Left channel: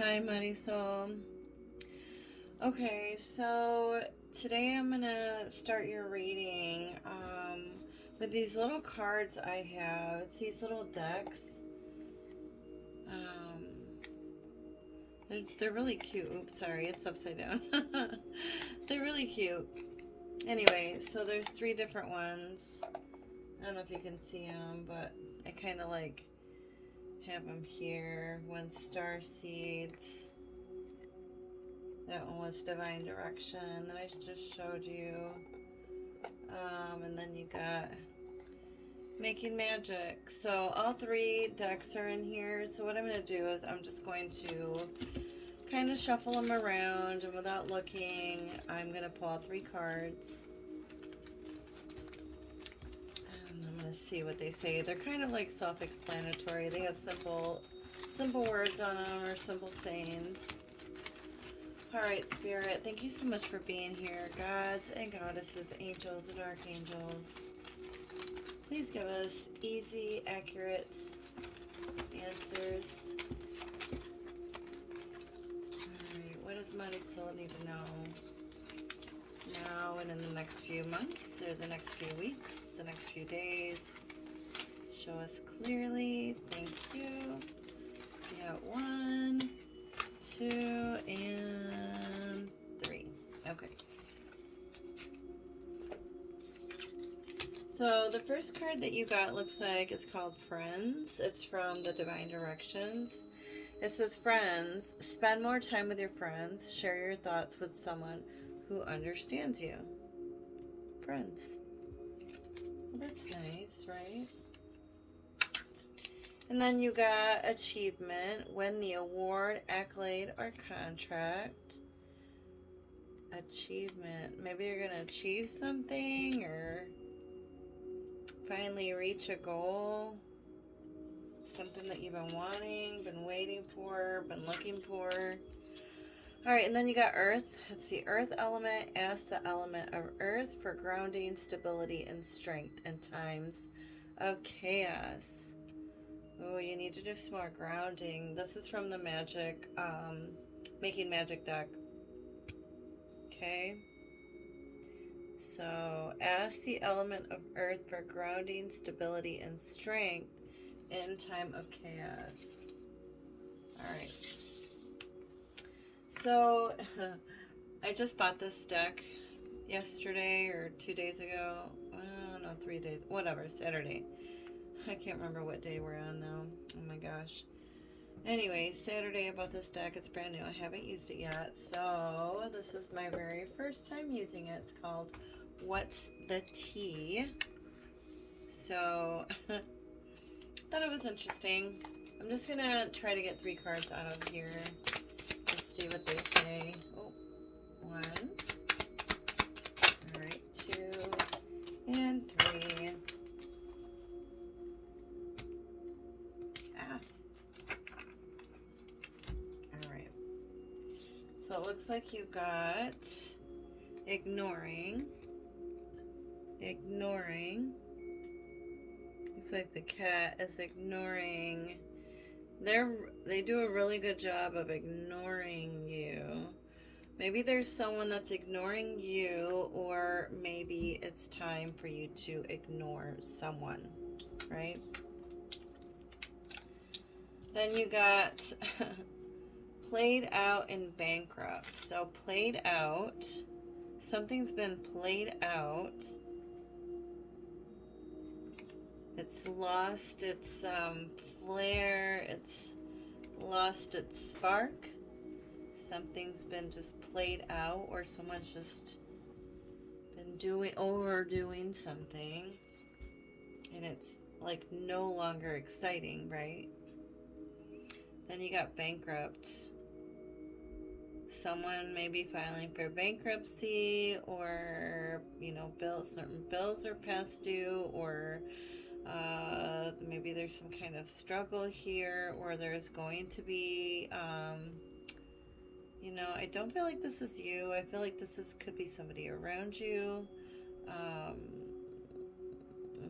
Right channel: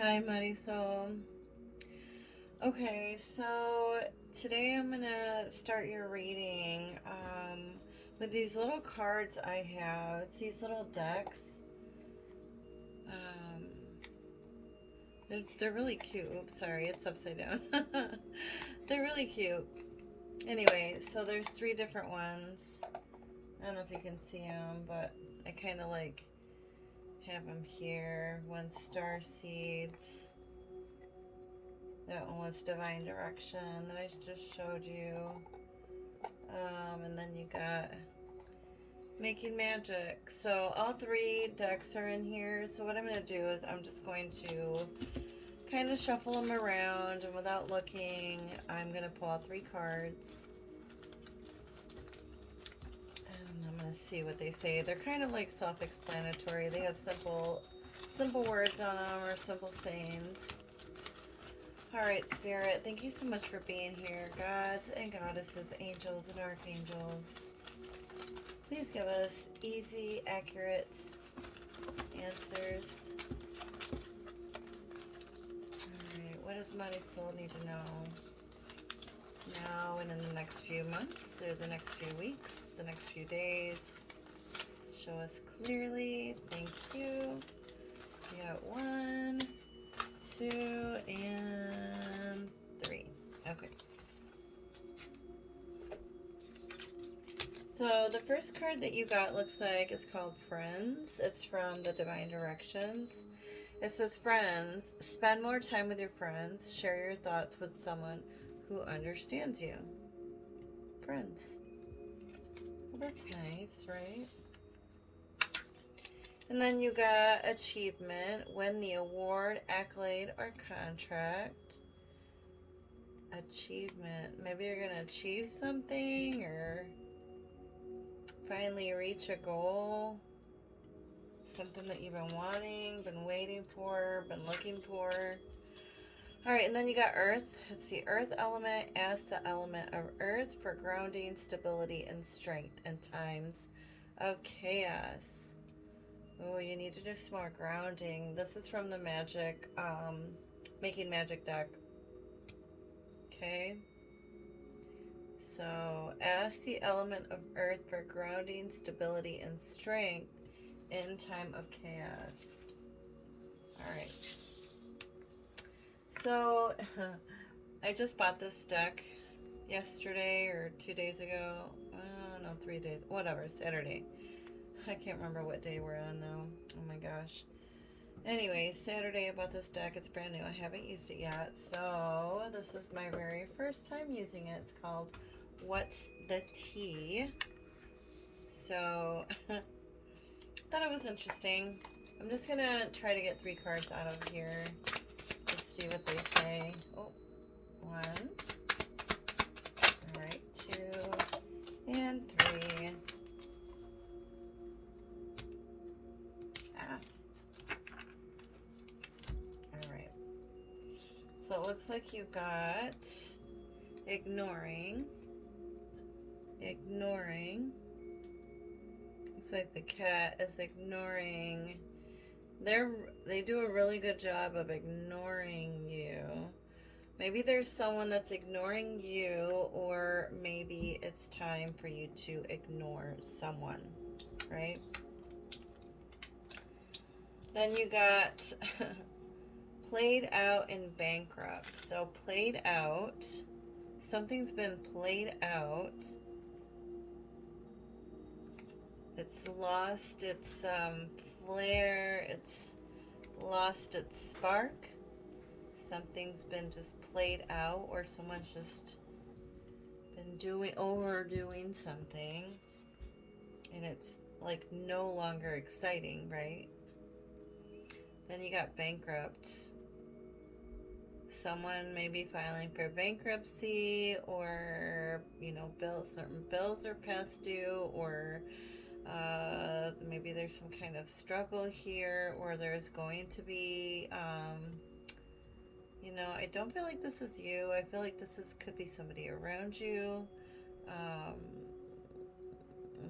Hi, Marisol. Okay, so today I'm gonna start your reading with these little cards I have. It's these little decks. Um, they're really cute. Oops, sorry, it's upside down. They're really cute. Anyway, so there's three different ones. I don't know if you can see them, but I kind of like have them here. One's Star Seeds. That one was Divine Direction that I just showed you. And then you got Making Magic. So all three decks are in here. So what I'm going to do is I'm just going to kind of shuffle them around, and without looking, I'm going to pull out three cards. And I'm going to see what they say. They're kind of like self-explanatory. They have simple words on them, or simple sayings. Alright, Spirit, thank you so much for being here. Gods and goddesses, angels and archangels, please give us easy, accurate answers. Alright, what does Marisol need to know now and in the next few months, or the next few weeks, the next few days? Show us clearly. Thank you. We got 1, 2, and 3. Okay. So the first card that you got looks like it's called Friends. It's from the Divine Directions. It says, friends, spend more time with your friends. Share your thoughts with someone who understands you. Friends. Well, that's nice, right? And then you got achievement, win the award, accolade, or contract. Achievement. Maybe you're going to achieve something or finally reach a goal. Something that you've been wanting, been waiting for, been looking for. Alright, and then you got Earth. It's the Earth element. Ask the element of Earth for grounding, stability, and strength in times of chaos. Oh, you need to do some more grounding. This is from the Magic, Making Magic deck. Okay. So, ask the element of Earth for grounding, stability, and strength in time of chaos. Alright. So, I just bought this deck yesterday or 2 days ago. Oh, no, 3 days. Whatever, Saturday. I can't remember what day we're on now. Oh my gosh. Anyway, Saturday I bought this deck. It's brand new. I haven't used it yet. So this is my very first time using it. It's called What's the Tea? So thought it was interesting. I'm just going to try to get 3 cards out of here. Let's see what they say. Oh, 1. All right, 2 and 3. So it looks like you got ignoring. Looks like the cat is ignoring. They do a really good job of ignoring you. Maybe there's someone that's ignoring you, or maybe it's time for you to ignore someone, right? Then you got played out and bankrupt. So played out, something's been played out. It's lost its flair, it's lost its spark. Something's been just played out, or someone's just been overdoing something, and it's like no longer exciting, right? Then you got bankrupt. Someone may be filing for bankruptcy, or certain bills are past due, or maybe there's some kind of struggle here, or there's going to be I don't feel like this is you. I feel like could be somebody around you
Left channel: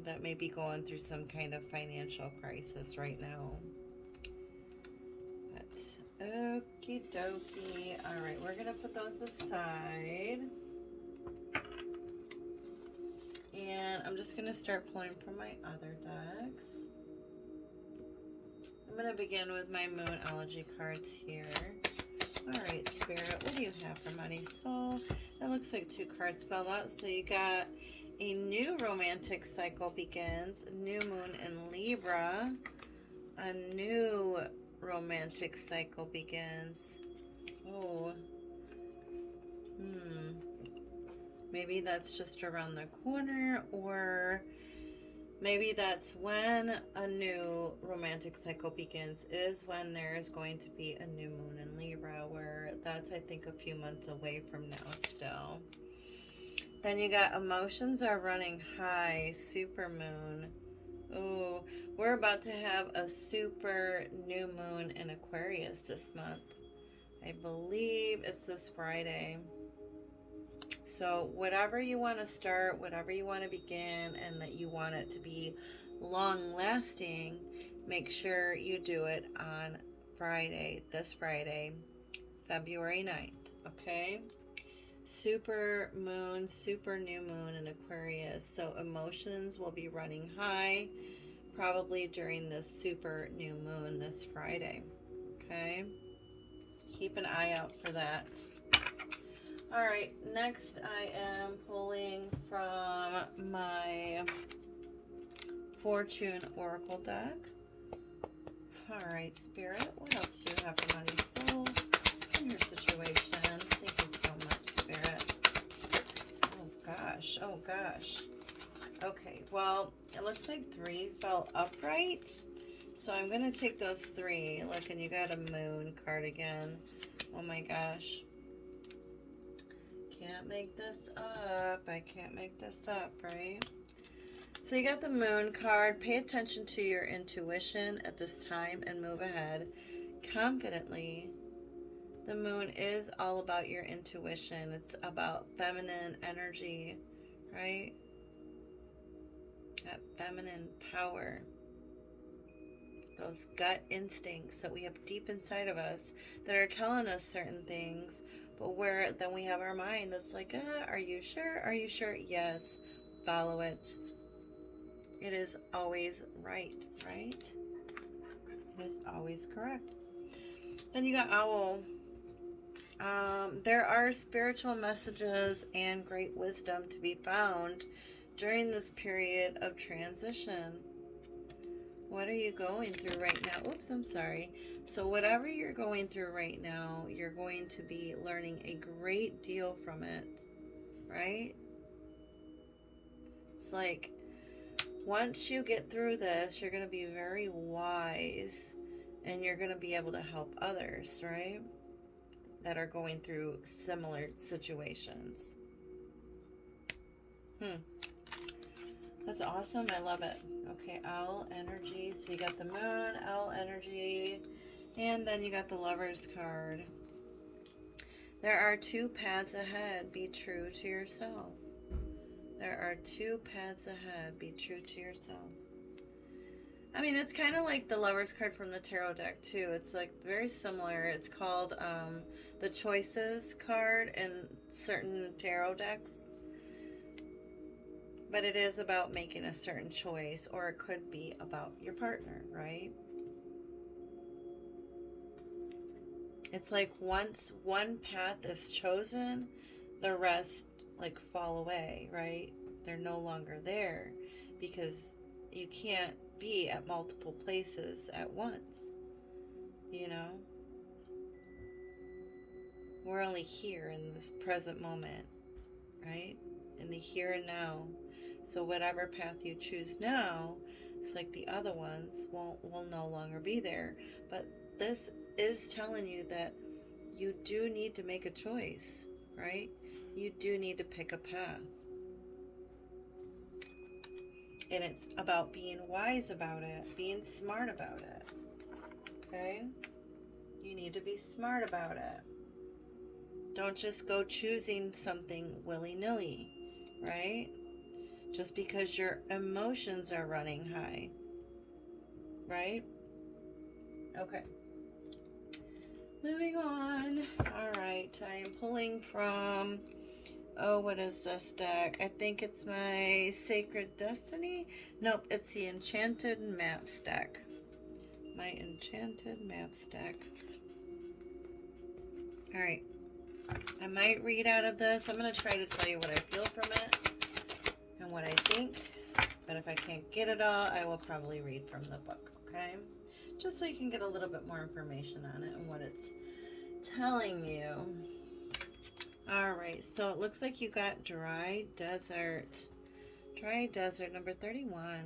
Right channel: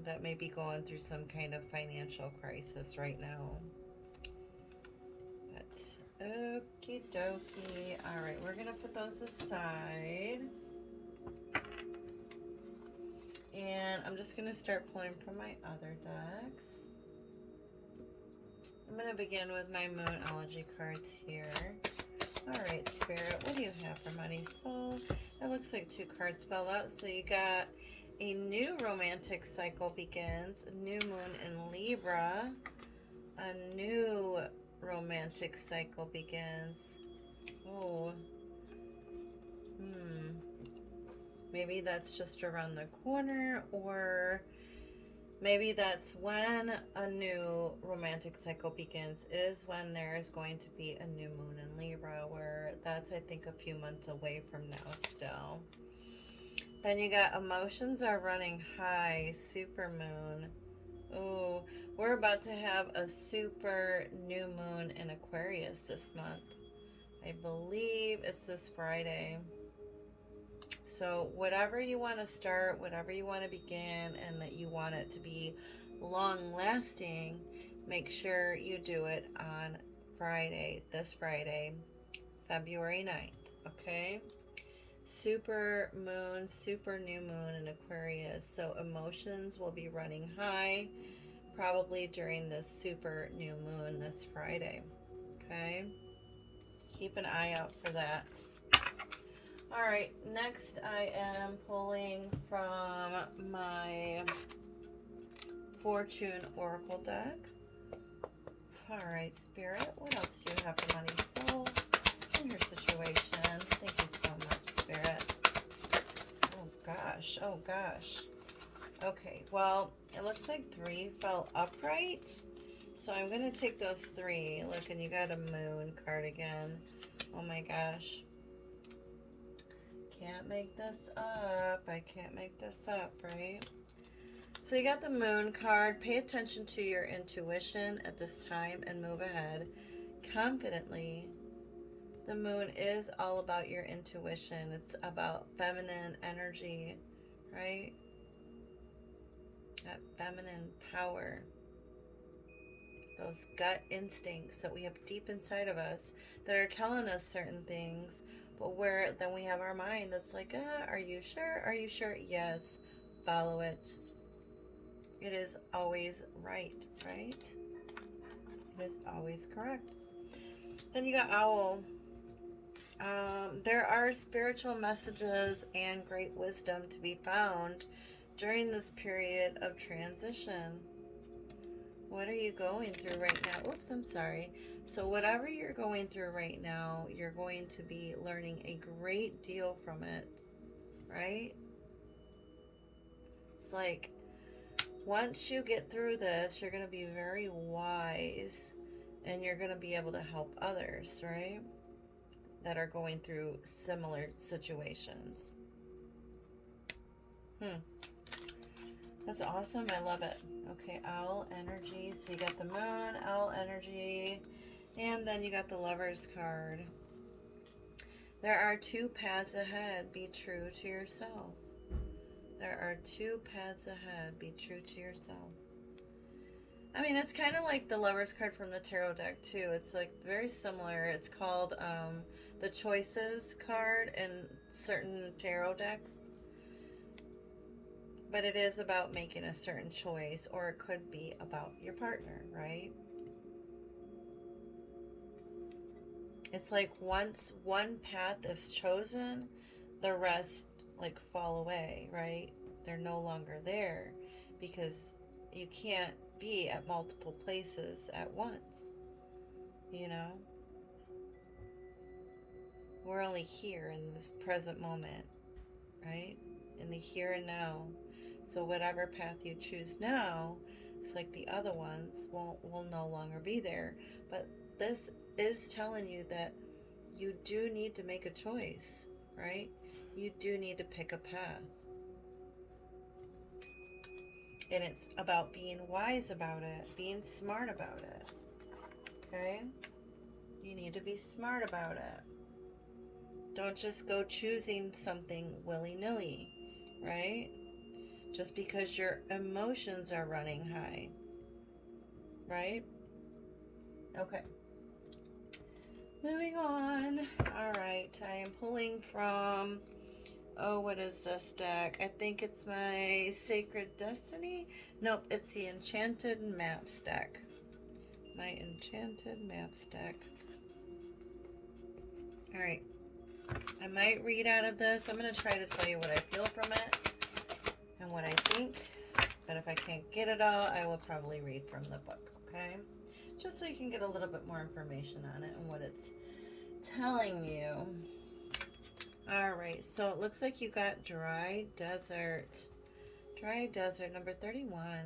that may be going through some kind of financial crisis right now. But okay. Okie dokie. All right, we're going to put those aside. And I'm just going to start pulling from my other decks. I'm going to begin with my Moonology cards here. All right, Spirit, what do you have for Marisol? It looks like 2 cards fell out. So you got a new romantic cycle begins, new moon in Libra, a new romantic cycle begins. Oh, maybe that's just around the corner, or maybe that's when a new romantic cycle begins, is when there's going to be a new moon in Libra, where that's, I think, a few months away from now still. Then you got emotions are running high, super moon. Ooh, we're about to have a super new moon in Aquarius this month. I believe it's this Friday. So whatever you want to start, whatever you want to begin, and that you want it to be long lasting, make sure you do it on Friday, this Friday, February 9th, okay? Super moon, super new moon in Aquarius. So emotions will be running high probably during this super new moon this Friday, okay? Keep an eye out for that. All right, next I am pulling from my Fortune Oracle deck. All right, Spirit, what else do you have for Marisol in your situation? Thank you so much, Spirit. Oh gosh. Okay, well, it looks like 3 fell upright. So I'm going to take those 3. Look, and you got a moon card again. Oh my gosh. Can't make this up. I can't make this up, right? So you got the moon card. Pay attention to your intuition at this time and move ahead confidently. The moon is all about your intuition. It's about feminine energy, right? That feminine power. Those gut instincts that we have deep inside of us that are telling us certain things, but where then we have our mind that's like, are you sure? Are you sure? Yes, follow it. It is always right? It is always correct. Then you got Owl. There are spiritual messages and great wisdom to be found during this period of transition. What are you going through right now? Oops, I'm sorry. So whatever you're going through right now, you're going to be learning a great deal from it, right? It's like once you get through this, you're going to be very wise and you're going to be able to help others, right? That are going through similar situations. That's awesome. I love it. Okay, Owl energy. So you got the moon, Owl energy, and then you got the Lover's card. There are 2 paths ahead. Be true to yourself. There are 2 paths ahead. Be true to yourself. I mean, it's kind of like the Lover's card from the tarot deck, too. It's like very similar. It's called the Choices card in certain tarot decks. But it is about making a certain choice, or it could be about your partner, right? It's like once one path is chosen, the rest like fall away, right? They're no longer there because you can't be at multiple places at once, you know? We're only here in this present moment, right? In the here and now. So whatever path you choose now, it's like the other ones will no longer be there. But this is telling you that you do need to make a choice, right? You do need to pick a path. And it's about being wise about it, being smart about it, okay? You need to be smart about it. Don't just go choosing something willy-nilly, right? Just because your emotions are running high, right? Okay. Moving on. I'm pulling from, oh, what is this deck? I think it's my Sacred Destiny. Nope, it's the Enchanted Maps deck. My Enchanted Maps deck. All right. I might read out of this. I'm going to try to tell you what I feel from it and what I think. But if I can't get it all, I will probably read from the book, okay? Just so you can get a little bit more information on it and what it's telling you. All right, so it looks like you got Dry Desert. Dry Desert, number 31.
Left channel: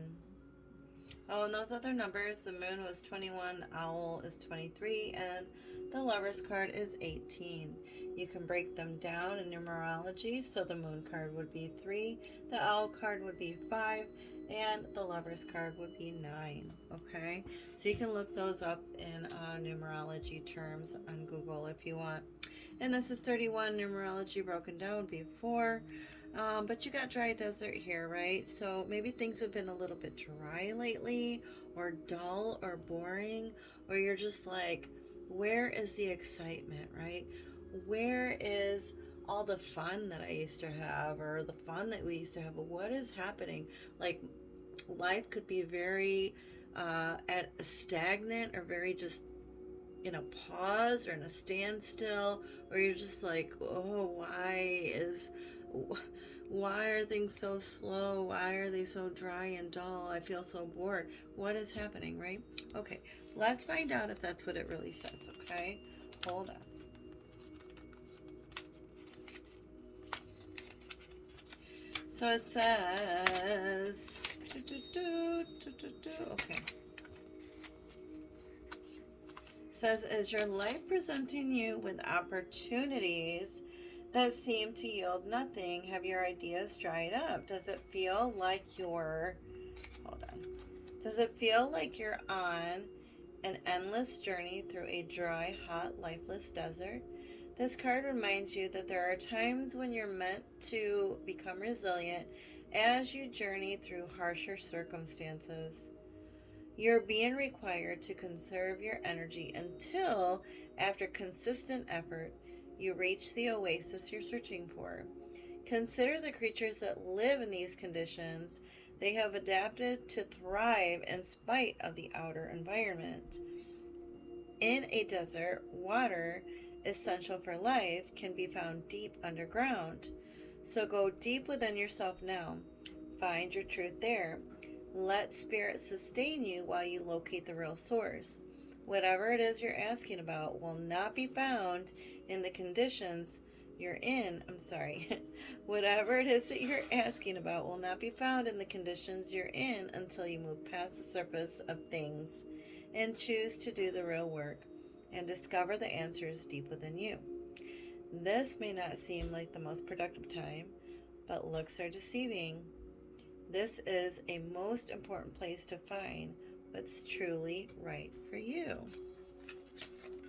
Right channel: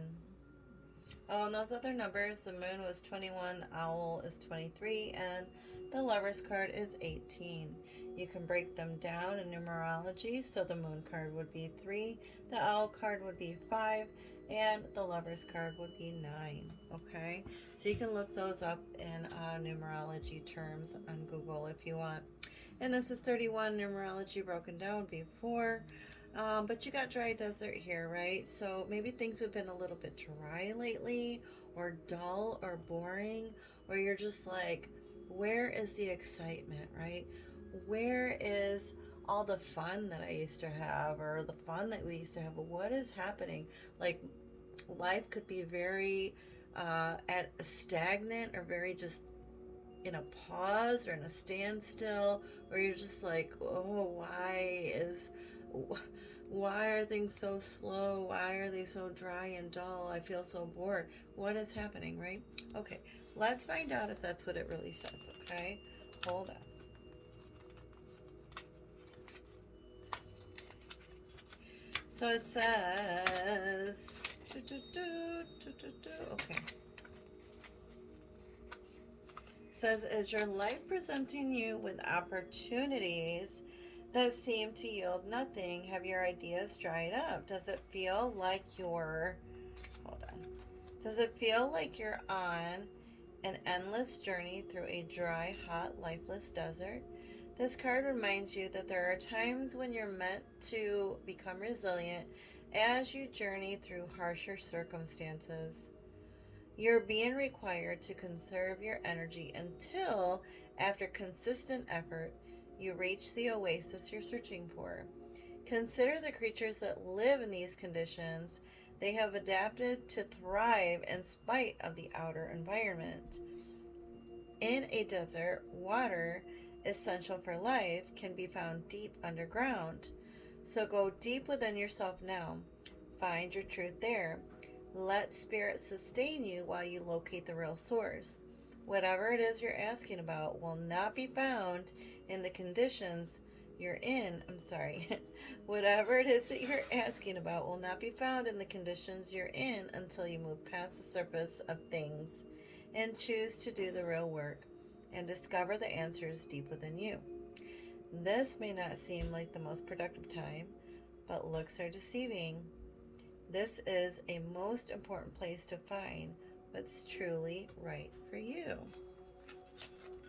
Oh, and those other numbers, the moon was 21, owl is 23, and the lover's card is 18. You can break them down in numerology, so the moon card would be 3, the owl card would be 5, and the lover's card would be 9, okay? So you can look those up in numerology terms on Google if you want. And this is 31, numerology broken down would be 4. But you got Dry Desert here, right? So maybe things have been a little bit dry lately, or dull, or boring, or you're just like, where is the excitement, right? Where is all the fun that I used to have, or the fun that we used to have? But what is happening? Like, life could be very at a stagnant, or very just in a pause, or in a standstill, or you're just like, oh, why are things so slow? Why are they so dry and dull? I feel so bored. What is happening, right? Okay, let's find out if that's what it really says, okay? Hold on. So it says, okay. It says, is your life presenting you with opportunities that seem to yield nothing? Have your ideas dried up? Does it feel like you're, hold on. Does it feel like you're on an endless journey through a dry, hot, lifeless desert? This card reminds you that there are times when you're meant to become resilient as you journey through harsher circumstances. You're being required to conserve your energy until, after consistent effort, you reach the oasis you're searching for. Consider the creatures that live in these conditions. They have adapted to thrive in spite of the outer environment. In a desert, water, essential for life, can be found deep underground. So go deep within yourself now. Find your truth there. Let spirit sustain you while you locate the real source. Whatever it is you're asking about will not be found in the conditions you're in. Whatever it is that you're asking about will not be found in the conditions you're in until you move past the surface of things and choose to do the real work and discover the answers deep within you. This may not seem like the most productive time, but looks are deceiving. This is a most important place to find what's truly right for you.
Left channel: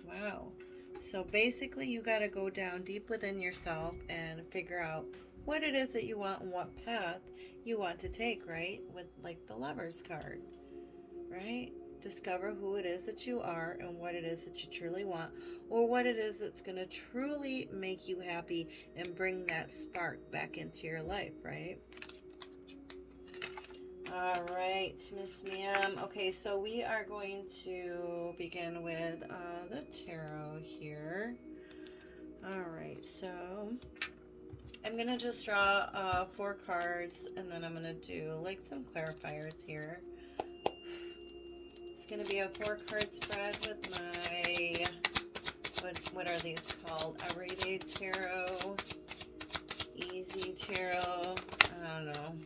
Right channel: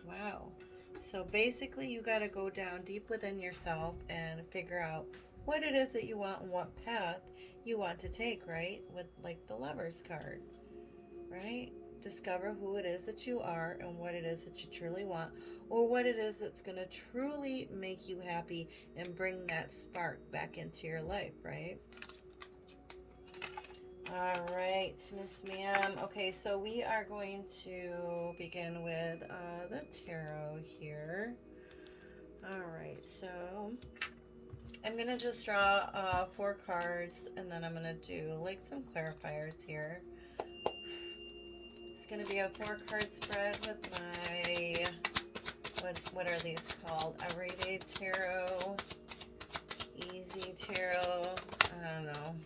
Wow. So basically you got to go down deep within yourself and figure out what it is that you want and what path you want to take, right? With like the Lover's card, right? Discover who it is that you are and what it is that you truly want, or what it is that's going to truly make you happy and bring that spark back into your life, right? All right, Miss Ma'am. Okay, so we are going to begin with the tarot here. All right, so I'm going to just draw 4 cards, and then I'm going to do like some clarifiers here. It's going to be a 4-card spread with my, what are these called? Everyday Tarot, Easy Tarot, I don't know.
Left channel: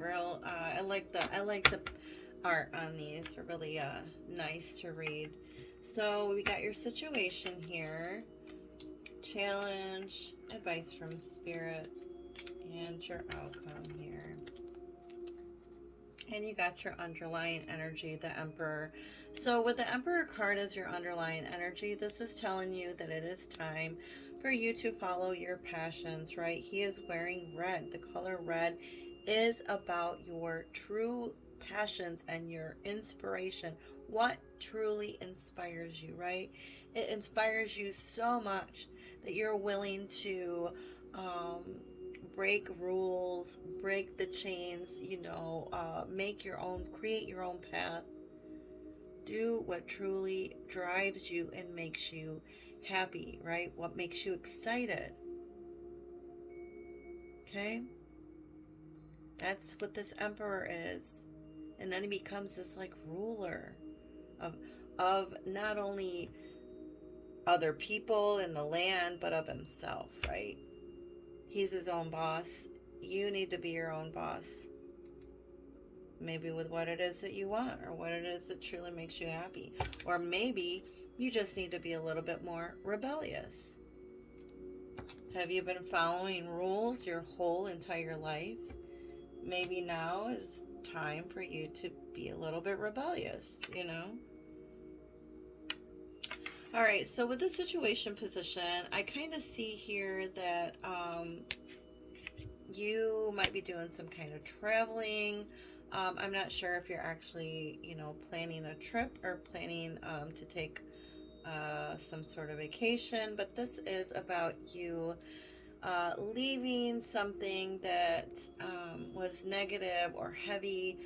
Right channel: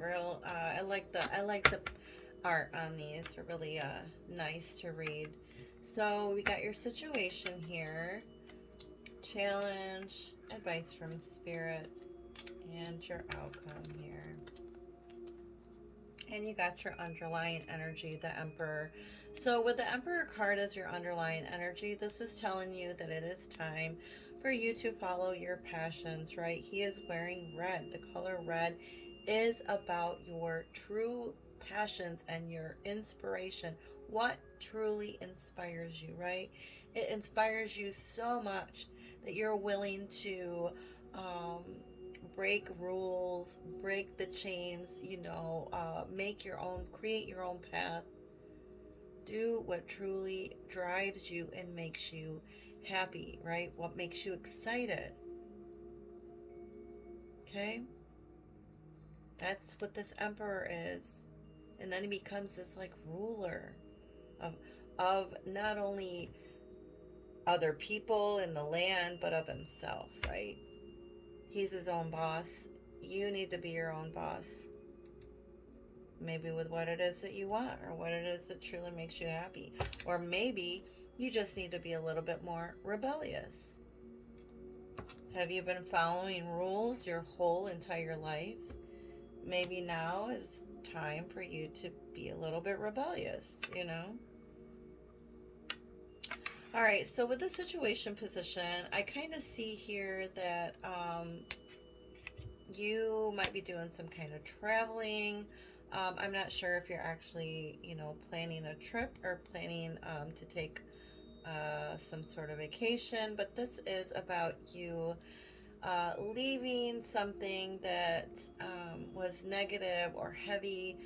Real, I like the art on these. They're really nice to read. So we got your situation here, challenge, advice from spirit, and your outcome here. And you got your underlying energy, the Emperor. So with the Emperor card as your underlying energy, this is telling you that it is time for you to follow your passions, right? He is wearing red. The color red is about your true passions and your inspiration. What truly inspires you, right? It inspires you so much that you're willing to break rules, break the chains, make your own, create your own path. Do what truly drives you and makes you happy, right? What makes you excited. Okay? That's what this emperor is. And then he becomes this like ruler of not only other people in the land, but of himself, right? He's his own boss. You need to be your own boss. Maybe with what it is that you want, or what it is that truly makes you happy. Or maybe you just need to be a little bit more rebellious. Have you been following rules your whole entire life? Maybe now is time for you to be a little bit rebellious, All right, so with the situation position, I kind of see here that you might be doing some kind of traveling. I'm not sure if you're actually, planning a trip or planning to take some sort of vacation, but this is about you leaving something that was negative or heavy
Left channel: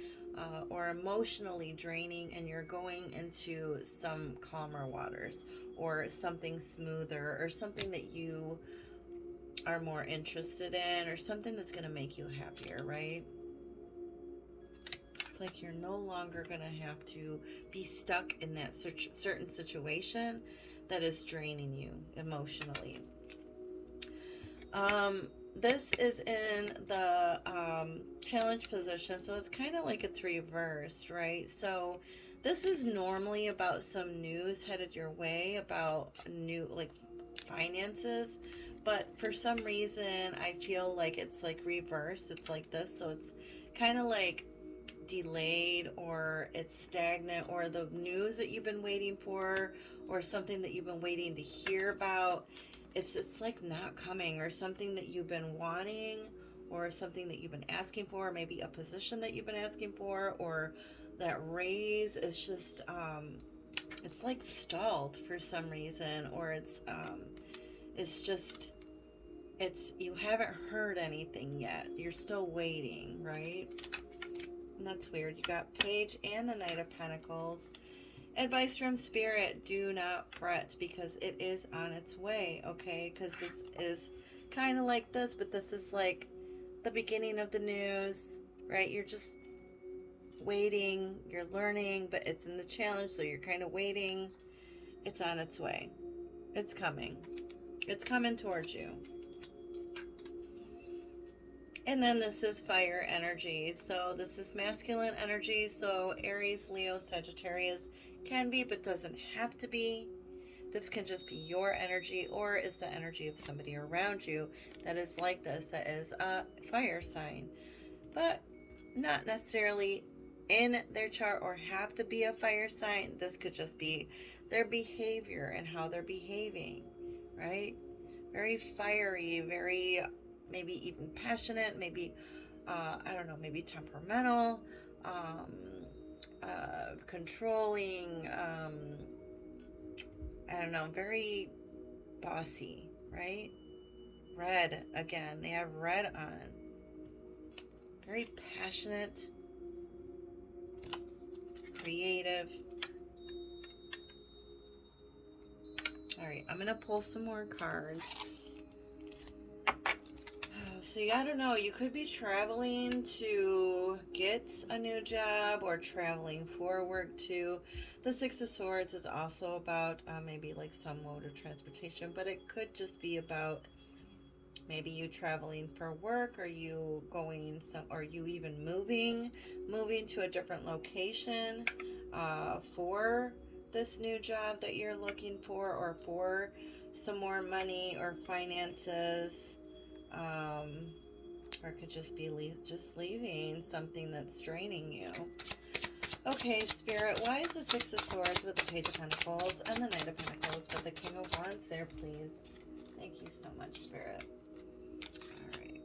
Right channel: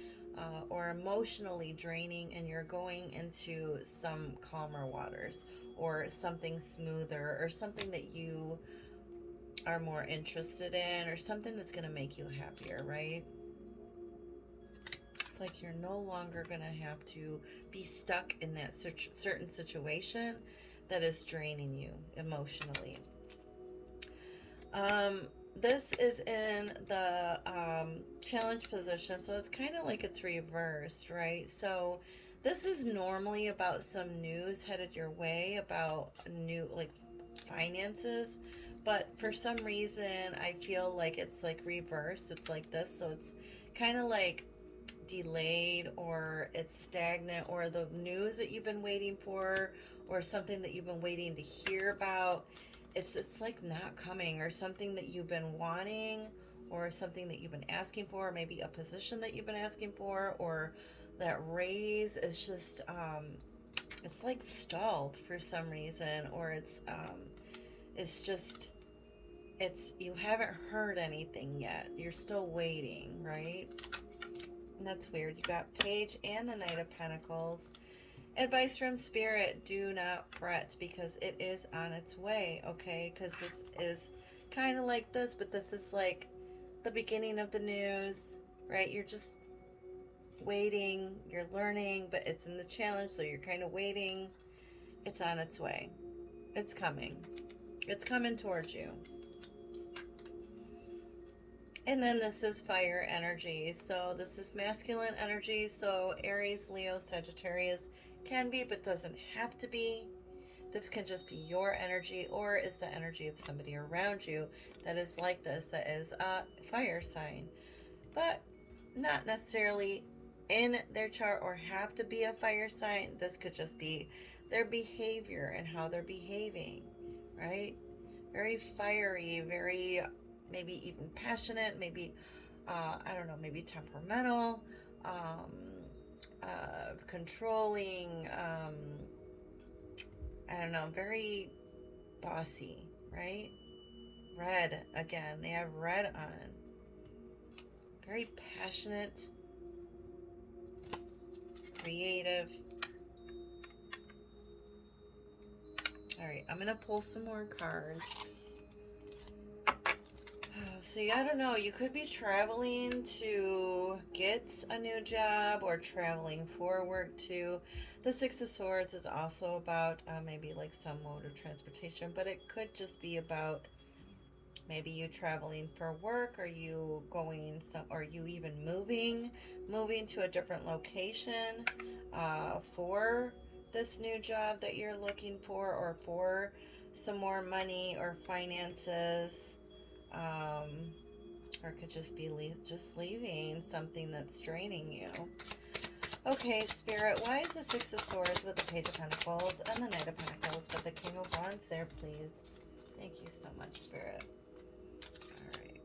or emotionally draining, and you're going into some calmer waters or something smoother or something that you are more interested in, or something that's going to make you happier, right? It's like you're no longer going to have to be stuck in that certain situation that is draining you emotionally. This is in the challenge position, so it's kind of like it's reversed, right? So this is normally about some news headed your way about new, like, finances, but for some reason I feel like it's like reversed. It's like this, so it's kind of like delayed, or it's stagnant, or the news that you've been waiting for, or something that you've been waiting to hear about, it's like not coming, or something that you've been wanting, or something that you've been asking for, or maybe a position that you've been asking for, or that raise is just it's like stalled for some reason, or it's just, you haven't heard anything yet. You're still waiting, right? And that's weird. You got Page and the Knight of Pentacles. Advice from Spirit: do not fret, because it is on its way, okay? Because this is kind of like this, but this is like the beginning of the news, right? You're just waiting, you're learning, but it's in the challenge, so you're kind of waiting. It's on its way. It's coming. It's coming towards you. And then this is fire energy. So this is masculine energy. So Aries, Leo, Sagittarius can be, but doesn't have to be. This can just be your energy, or is the energy of somebody around you that is like this, that is a fire sign. But not necessarily in their chart or have to be a fire sign. This could just be their behavior and how they're behaving, right? Very fiery, very maybe even passionate, maybe, I don't know, maybe temperamental, controlling, I don't know, very bossy, right? Red, again, they have red on. Very passionate, creative. All right, I'm going to pull some more cards. So, I don't know, you could be traveling to get a new job, or traveling for work too. The Six of Swords is also about maybe like some mode of transportation, but it could just be about maybe you traveling for work, or you going some, or you even moving to a different location for this new job that you're looking for, or for some more money or finances. Or it could just be just leaving something that's draining you. Okay, Spirit, why is the Six of Swords with the Page of Pentacles and the Knight of Pentacles with the King of Wands there, please? Thank you so much, Spirit. All right.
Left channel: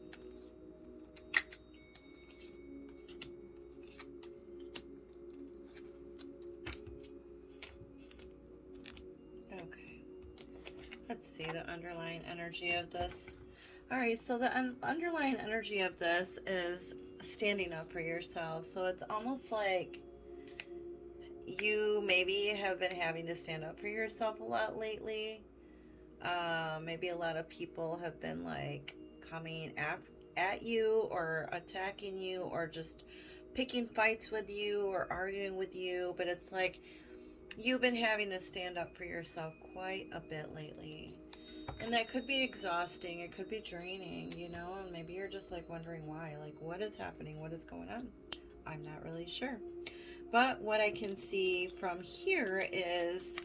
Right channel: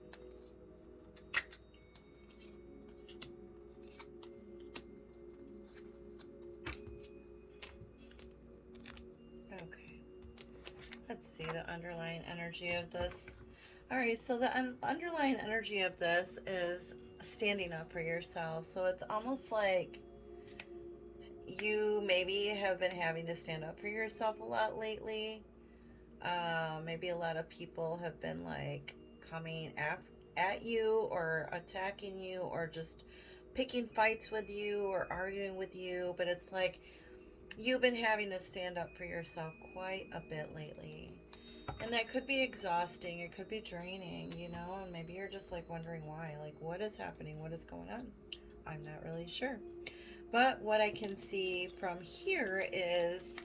Okay. Let's see the underlying energy of this. All right, so the underlying energy of this is standing up for yourself. So it's almost like you maybe have been having to stand up for yourself a lot lately. Maybe a lot of people have been like coming at you or attacking you or just picking fights with you or arguing with you. But it's like you've been having to stand up for yourself quite a bit lately. And that could be exhausting. It could be draining, you know, and maybe you're just like wondering why. Like, what is happening? What is going on? I'm not really sure. But what I can see from here is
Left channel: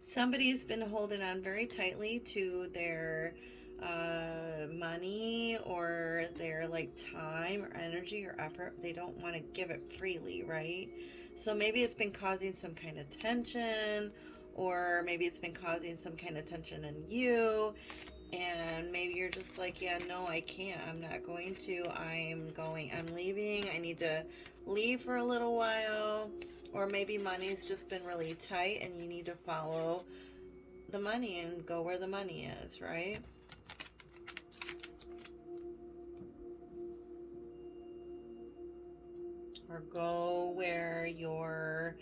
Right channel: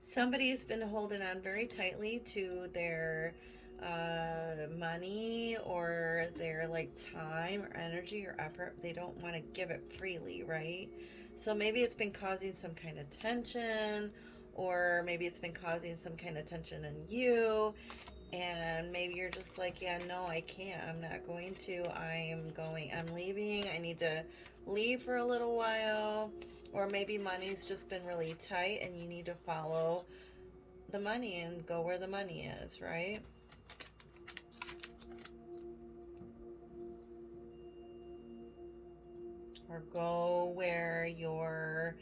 somebody's been holding on very tightly to their money or their like time or energy or effort. They don't want to give it freely, right? So maybe it's been causing some kind of tension, or maybe it's been causing some kind of tension in you. And maybe you're just like, yeah, no, I can't. I'm not going to. I'm leaving. I need to leave for a little while. Or maybe money's just been really tight and you need to follow the money and go where the money is, right? Or go where your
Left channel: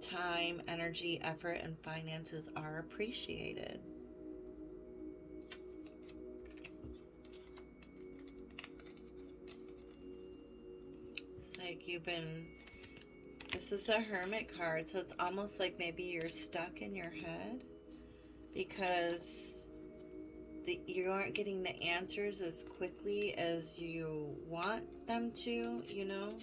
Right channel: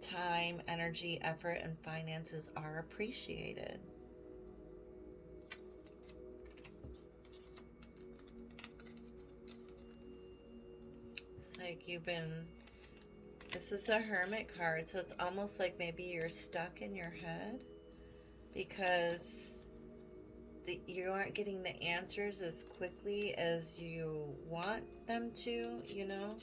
time, energy, effort, and finances are appreciated. It's like this is a Hermit card, so it's almost like maybe you're stuck in your head because you aren't getting the answers as quickly as you want them to, you know?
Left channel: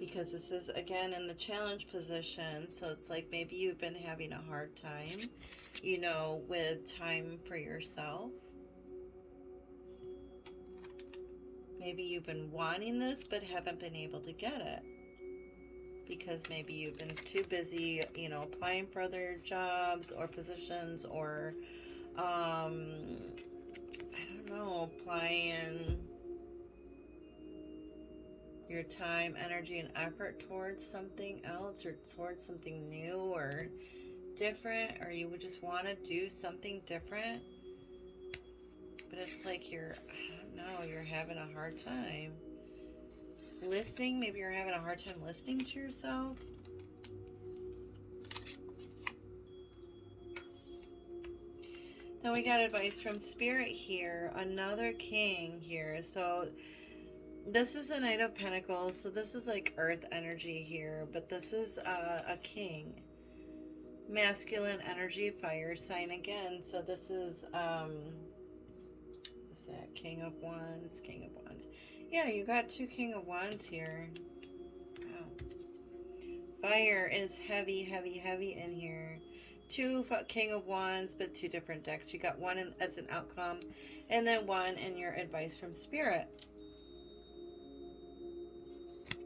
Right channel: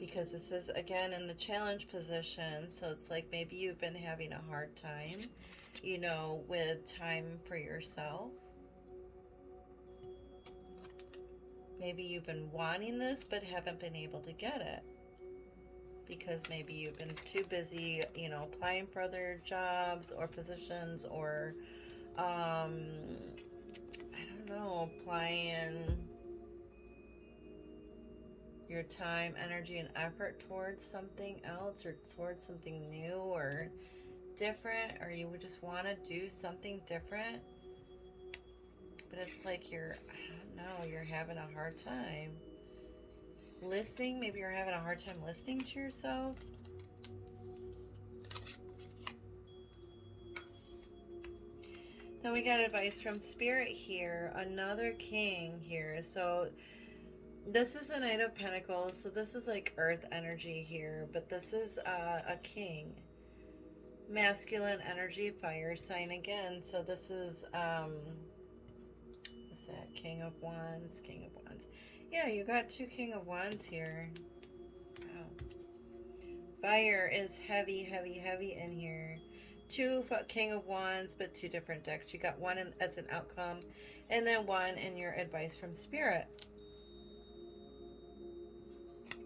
Because this is, again, in the challenge position, so it's like maybe you've been having a hard time, you know, with time for yourself. Maybe you've been wanting this but haven't been able to get it because maybe you've been too busy, you know, applying for other jobs or positions, or I don't know, applying your time, energy, and effort towards something else or towards something new or different, or you would just want to do something different, but it's like I don't know, you're having a hard time listening. Maybe you're having a hard time listening to yourself. Then we got advice from Spirit here, another king here. So this is a Knight of Pentacles, so this is like earth energy here, but this is a king. Masculine energy, fire sign again. So this is, what's that? King of Wands, King of Wands. Yeah, you got two King of Wands here. Wow. Fire is heavy, heavy, heavy in here. Two King of Wands, but two different decks. You got one as an outcome, and then one in your advice from Spirit.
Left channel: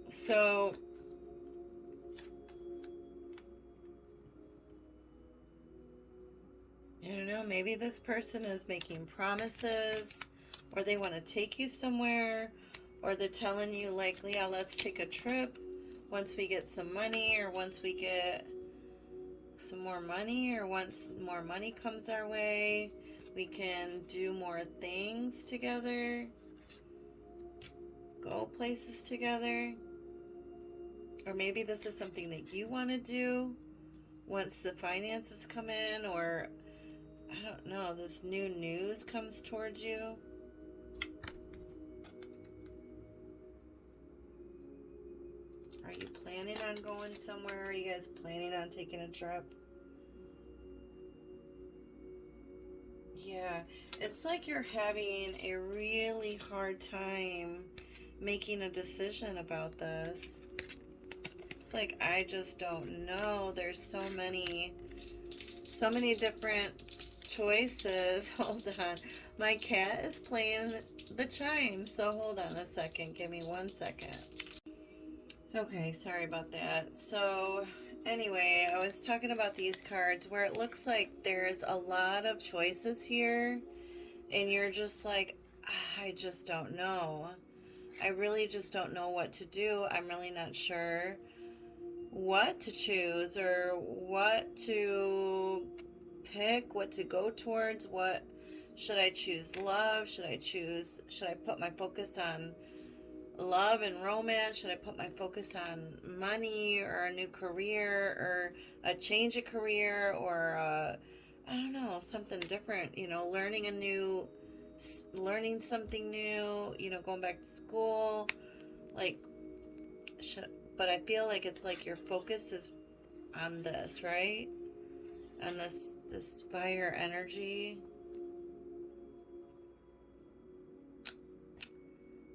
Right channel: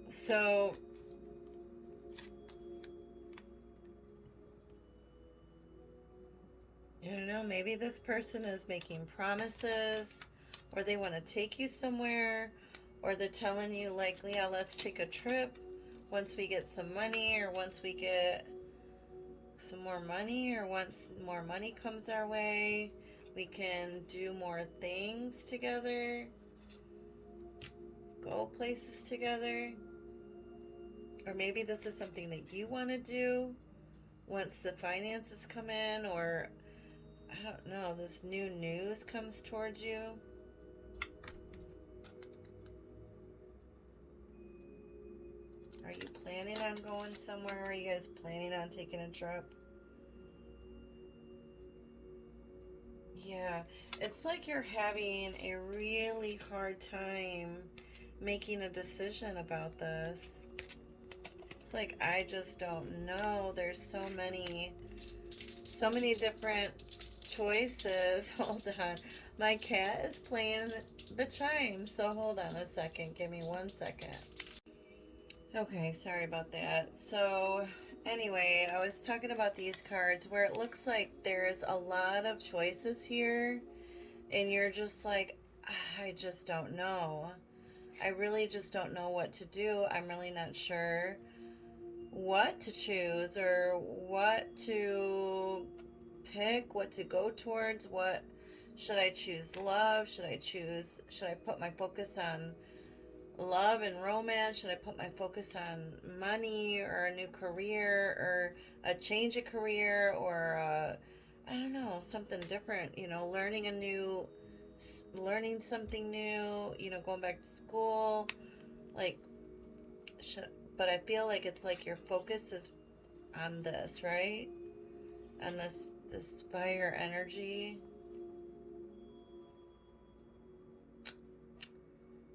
So I don't know, maybe this person is making promises, or they want to take you somewhere, or they're telling you like, yeah, let's take a trip once we get some money, or once we get some more money, or once more money comes our way, we can do more things together, go places together. Or maybe this is something that you want to do once the finances come in, or I don't know, this new news comes towards you. Are you planning on going somewhere? Are you guys planning on taking a trip? Yeah, it's like you're having a really hard time making a decision about this. It's like, I just don't know. There's so many different choices. Hold on. My cat is playing the chimes, so hold on a second. Give me 1 second. Okay, sorry about that. So, anyway, I was talking about these cards where it looks like there's a lot of choices here, and you're just like, I just don't know. I really just don't know what to do. I'm really not sure what to choose or what to pick, what to go towards. What should I choose? Love? Should I put my focus on love and romance? Should I put my focus on money or a new career or a change of career or I don't know, something different, learning something new, going back to school, like, but I feel like it's like your focus is on this, right? And this fire energy.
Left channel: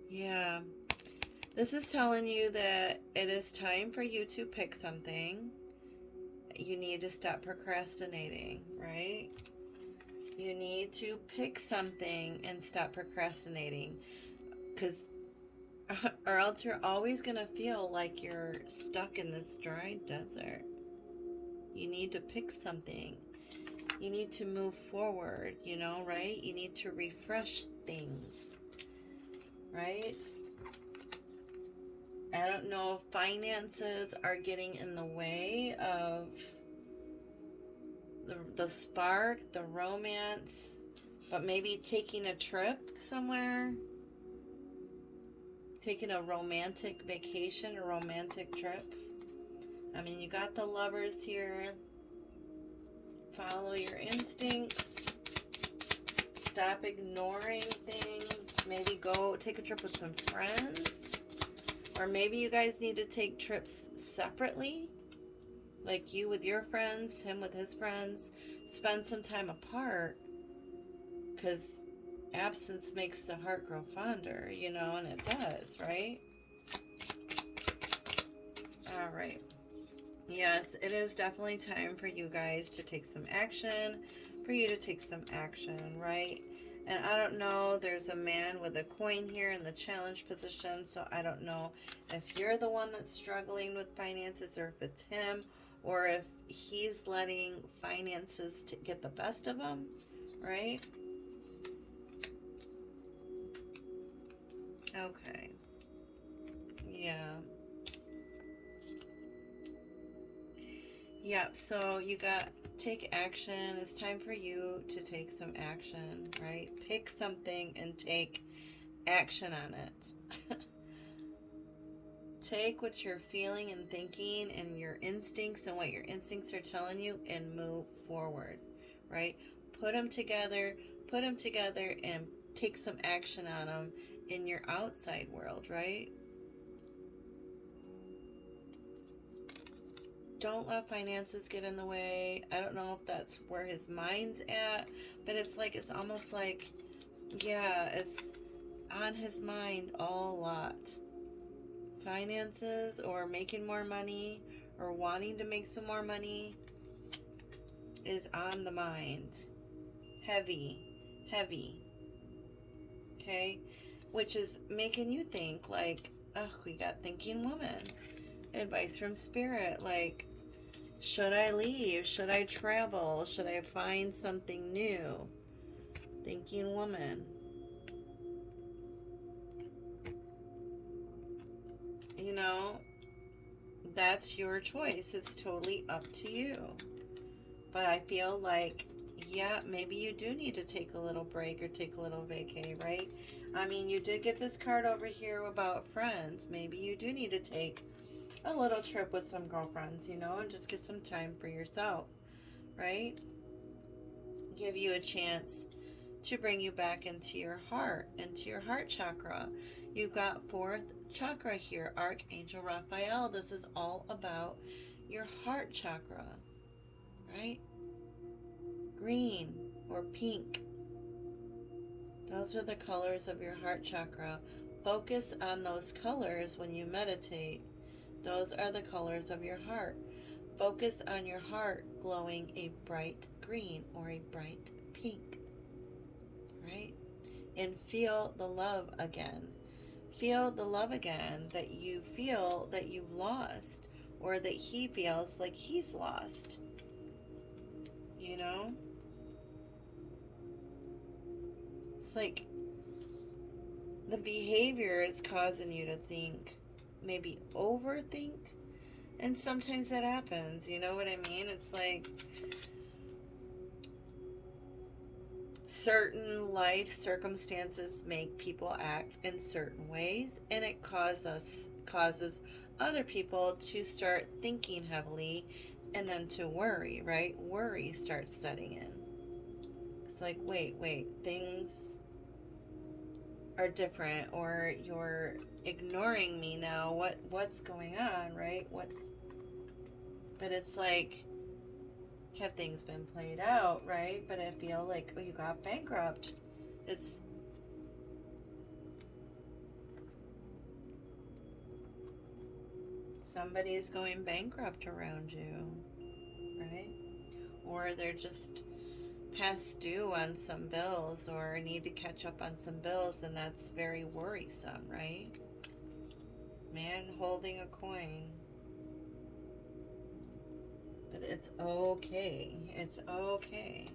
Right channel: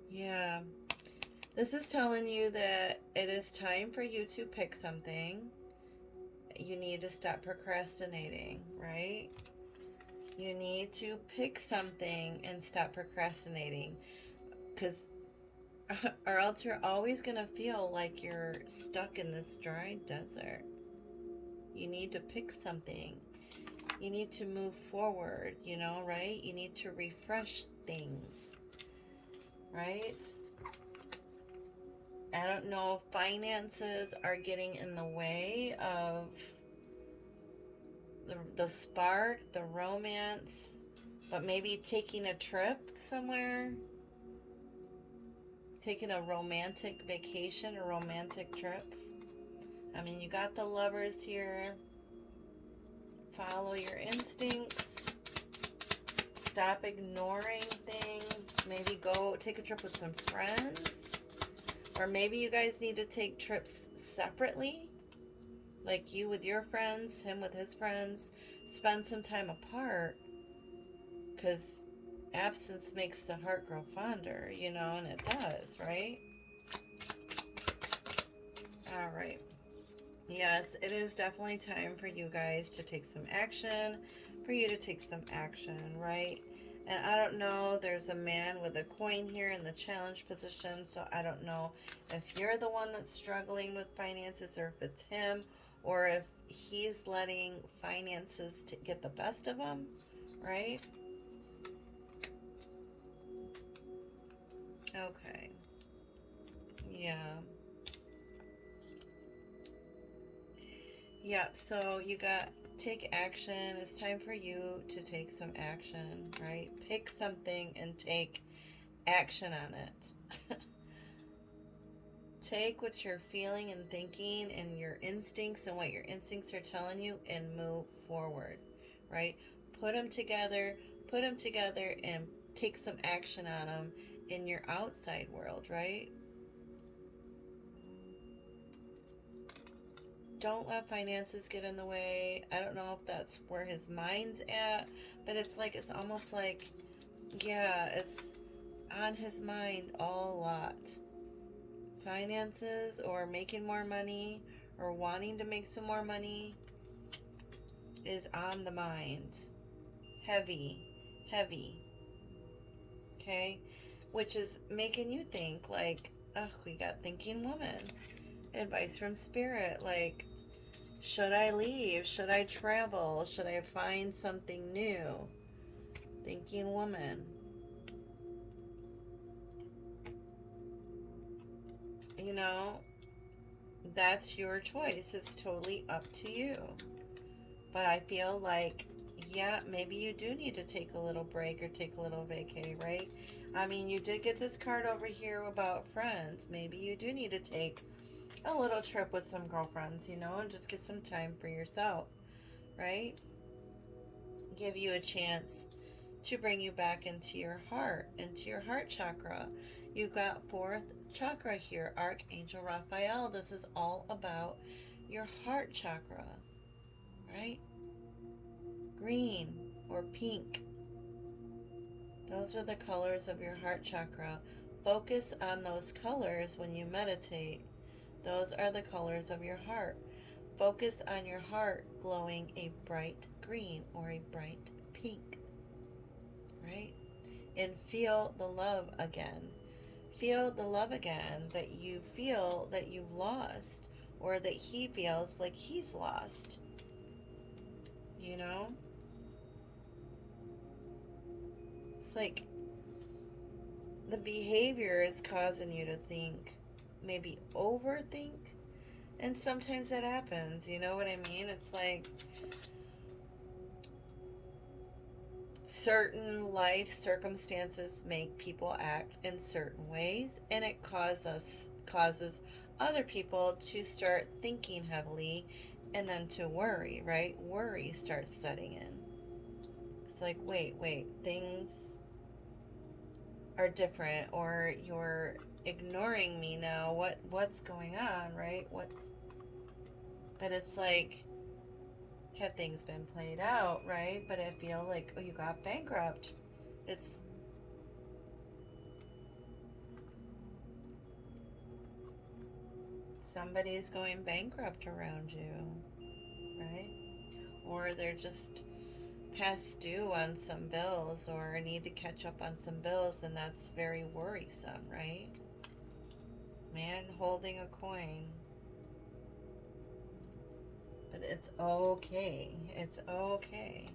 Yeah. This is telling you that it is time for you to pick something. You need to stop procrastinating, right? You need to pick something and stop procrastinating. Because or else you're always going to feel like you're stuck in this dry desert. You need to pick something. You need to move forward, right? You need to refresh things, right? I don't know if finances are getting in the way of the spark, the romance, but maybe taking a trip somewhere, taking a romantic vacation, a romantic trip. I mean, you got the Lovers here. Follow your instincts. Stop ignoring things. Maybe go take a trip with some friends. Or maybe you guys need to take trips separately. Like you with your friends, him with his friends. Spend some time apart. Because absence makes the heart grow fonder, and it does, right? All right. Yes, it is definitely time for you guys to take some action, right? And I don't know, there's a man with a coin here in the challenge position, so I don't know if you're the one that's struggling with finances or if it's him or if he's letting finances to get the best of him, right? Okay. Yeah. Yep, so you got take action. It's time for you to take some action, right? Pick something and take action on it. Take what you're feeling and thinking and your instincts and what your instincts are telling you and move forward, right? Put them together and take some action on them in your outside world, right? Don't let finances get in the way. I don't know if that's where his mind's at, but it's almost like, yeah, it's on his mind a lot. Finances or making more money or wanting to make some more money is on the mind. Heavy. Okay? Which is making you think like, oh, we got thinking woman. Advice from spirit, like, should I leave? Should I travel? Should I find something new? Thinking woman. That's your choice. It's totally up to you. But I feel like, yeah, maybe you do need to take a little break or take a little vacay, right? I mean, you did get this card over here about friends. Maybe you do need to take a little trip with some girlfriends, and just get some time for yourself, right? Give you a chance to bring you back into your heart chakra. You got fourth chakra here, Archangel Raphael. This is all about your heart chakra, right? Green or pink. Those are the colors of your heart chakra. Focus on those colors when you meditate. Those are the colors of your heart. Focus on your heart glowing a bright green or a bright pink, right? And feel the love again. Feel the love again that you feel that you've lost or that he feels like he's lost. It's like the behavior is causing you to think, maybe overthink, And sometimes that happens, you know what I mean? It's like certain life circumstances make people act in certain ways, and it causes other people to start thinking heavily and then to worry, right? Worry starts setting in. It's like, wait, things are different, or you're ignoring me now. What's going on, right? But it's like, have things been played out, right? But I feel like, oh, you got bankrupt. It's somebody's going bankrupt around you, right? Or they're just past due on some bills, or need to catch up on some bills, and that's very worrisome, right? Man holding a coin. But it's okay. It's okay.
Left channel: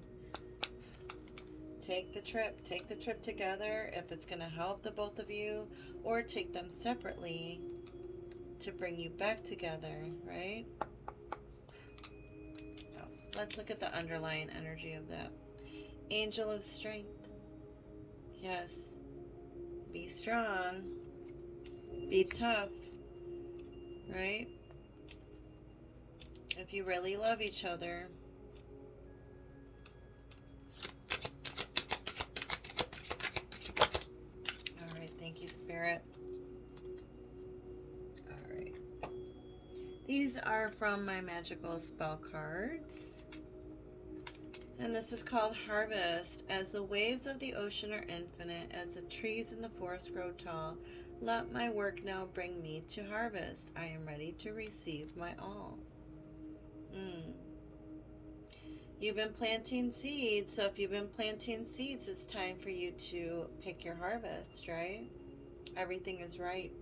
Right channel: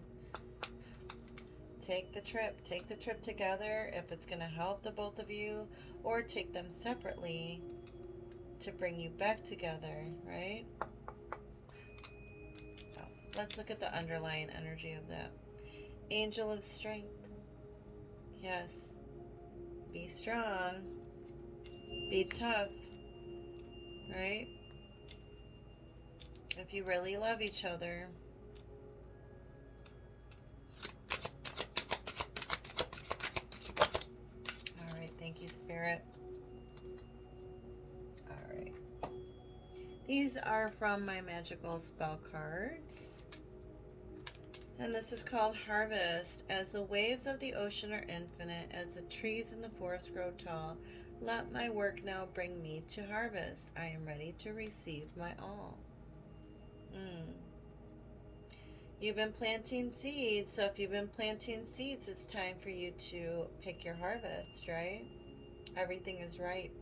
Take the trip together if it's going to help the both of you, or take them separately to bring you back together, right? Oh, let's look at the underlying energy of that. Angel of Strength. Yes. Be strong. Be tough. Right? If you really love each other. Alright, thank you, Spirit. Alright. These are from my magical spell cards. And this is called Harvest. As the waves of the ocean are infinite, as the trees in the forest grow tall, let my work now bring me to harvest. I am ready to receive my all. You've been planting seeds, so if you've been planting seeds, it's time for you to pick your harvest, right? Everything is ripe.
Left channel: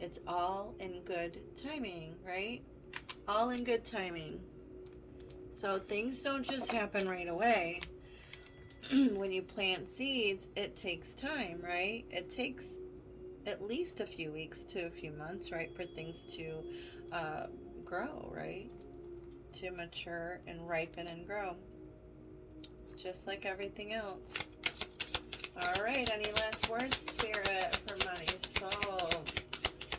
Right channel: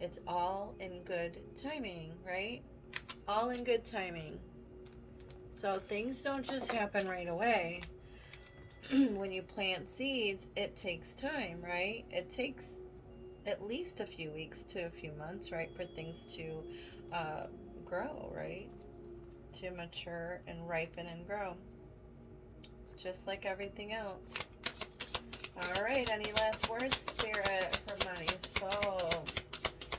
It's all in good timing, right? All in good timing. So things don't just happen right away. When you plant seeds, it takes time, right? It takes at least a few weeks to a few months, right, for things to grow, right? To mature and ripen and grow. Just like everything else. All right, any last words, Spirit, for Marisol?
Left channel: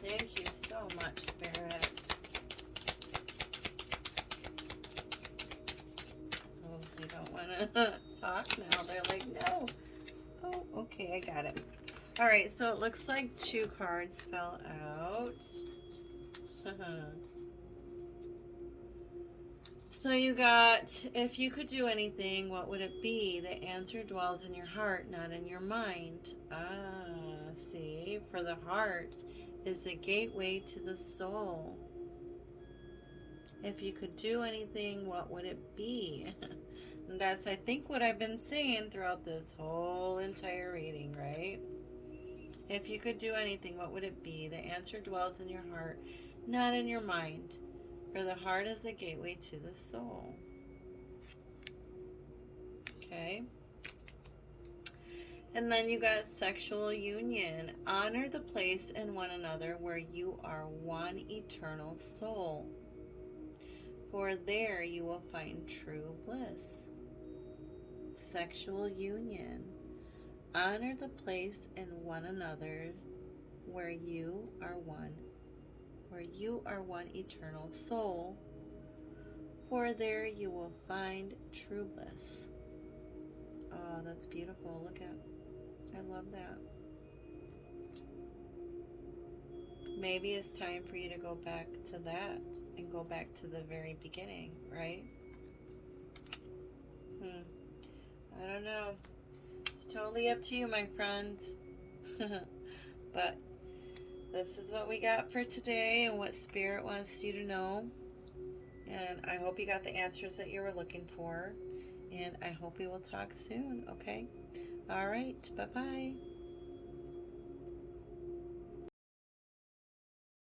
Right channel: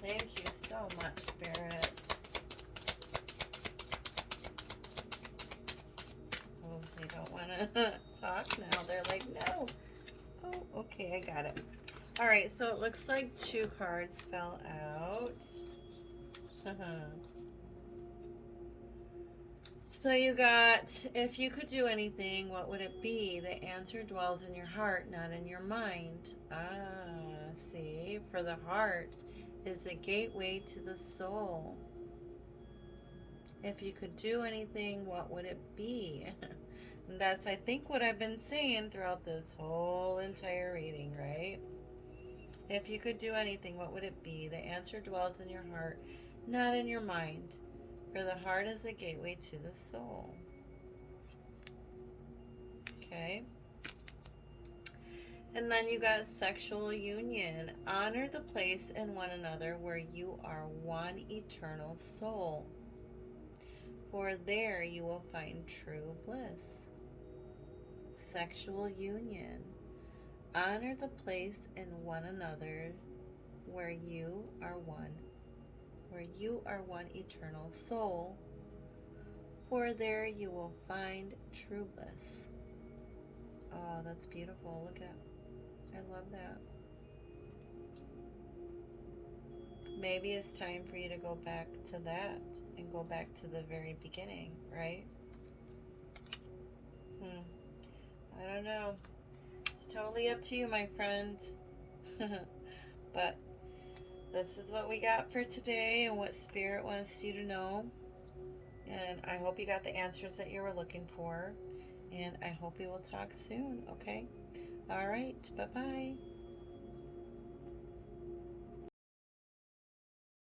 Thank you so much, Spirit. Oh, they don't want to talk now. They're like, no. Oh, okay, I got it. All right, so it looks like 2 cards fell out. So you got, if you could do anything, what would it be? The answer dwells in your heart, not in your mind. See, for the heart is a gateway to the soul. If you could do anything, what would it be? And that's, I think, what I've been saying throughout this whole entire reading, right? If you could do anything, what would it be? The answer dwells in your heart, not in your mind. For the heart is the gateway to the soul. Okay. And then you got sexual union. Honor the place in one another where you are one eternal soul. For there you will find true bliss. Sexual union. Honor the place in one another where you are one. Where you are one eternal soul, for there you will find true bliss. Oh, that's beautiful. Look at, I love that. Maybe it's time for you to go back to that and go back to the very beginning, right? I don't know. It's totally up to you, my friends. But this is what we got for today and what Spirit wants you to know. And I hope you got the answers that you were looking for. And I hope we will talk soon, okay? All right, bye-bye.